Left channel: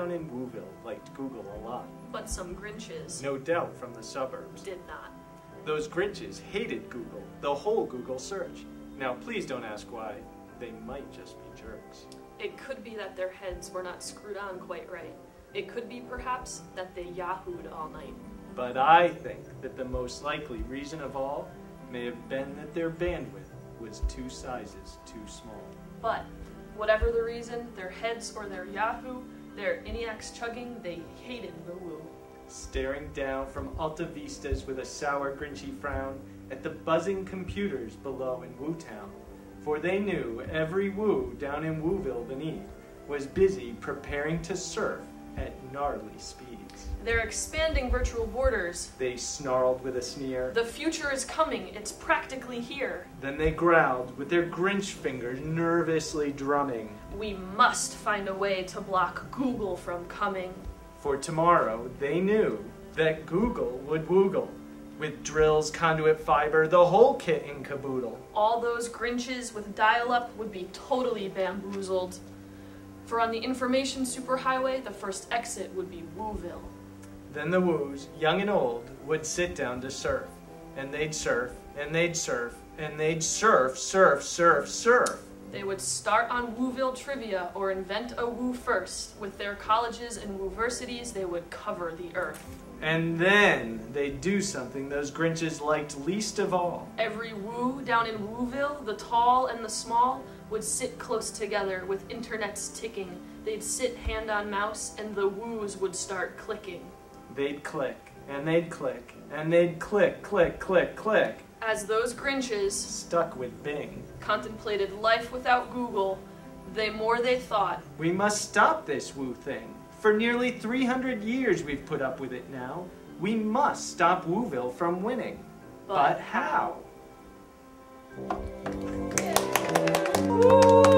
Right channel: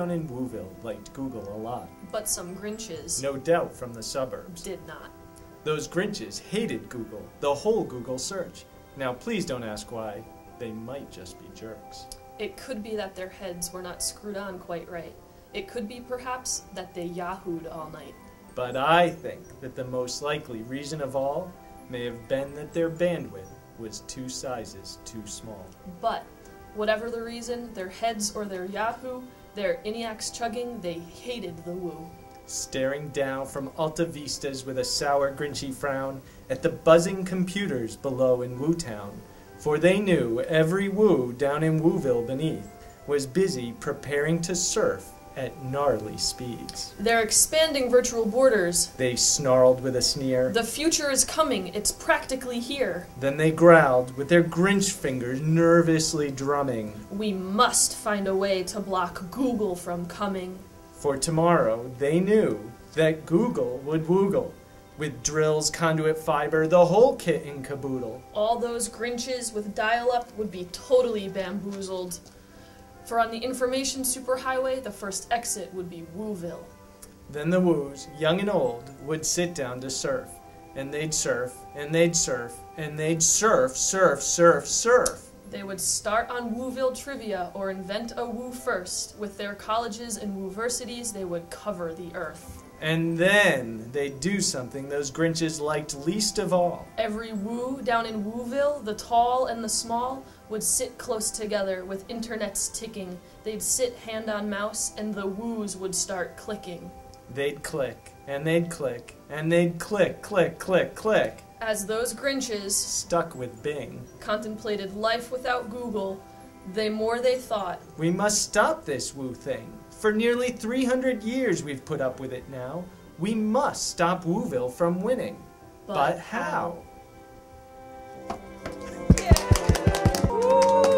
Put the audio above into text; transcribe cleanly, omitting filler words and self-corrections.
down in Woo-ville liked Google a lot. But some Grinches, No doubt from the suburbs. did not. Those Grinches hated Google, the whole Google search. Now please don't ask why. They might just be jerks. It could be that their heads were not screwed on quite right. It could be perhaps that they yahooed all night. But I think that the most likely reason of all may have been that their bandwidth was 2 sizes too small. But whatever the reason, their heads or their Yahoo, their ENIACs chugging, they hated the Woo. Staring down from Alta Vistas with a sour, grinchy frown at the buzzing computers below in Woo-town, for they knew every Woo down in Woo-ville beneath was busy preparing to surf at gnarly speeds. They're expanding virtual borders. They snarled with a sneer. The future is coming. It's practically here. Then they growled with their Grinch fingers nervously drumming. We must find a way to block Google from coming. For tomorrow, they knew that Google would woogle. With drills, conduit fiber, the whole kit and caboodle. All those Grinches with dial-up would be totally bamboozled. For on the information superhighway, the first exit would be Woo-ville. Then the Woos, young and old, would sit down to surf. And they'd surf, and they'd surf, and they'd surf, surf, surf, surf. They would start on Woo-ville trivia or invent a Woo first. With their colleges and Woo-versities, they would cover the earth. And then they'd do something those Grinches liked least of all. Every Woo down in Woo-ville, the tall and the small, would sit close together with internets ticking. They'd sit hand on mouse and the Woos would start clicking. They'd click, and they'd click, and they'd click, click, click, click. As those Grinches Stuck with Bing. contemplated life without Google, they thought, We must stop this Woo thing. For nearly 300 years we've put up with it now. We must stop Woo-ville from winning. But how? Woo!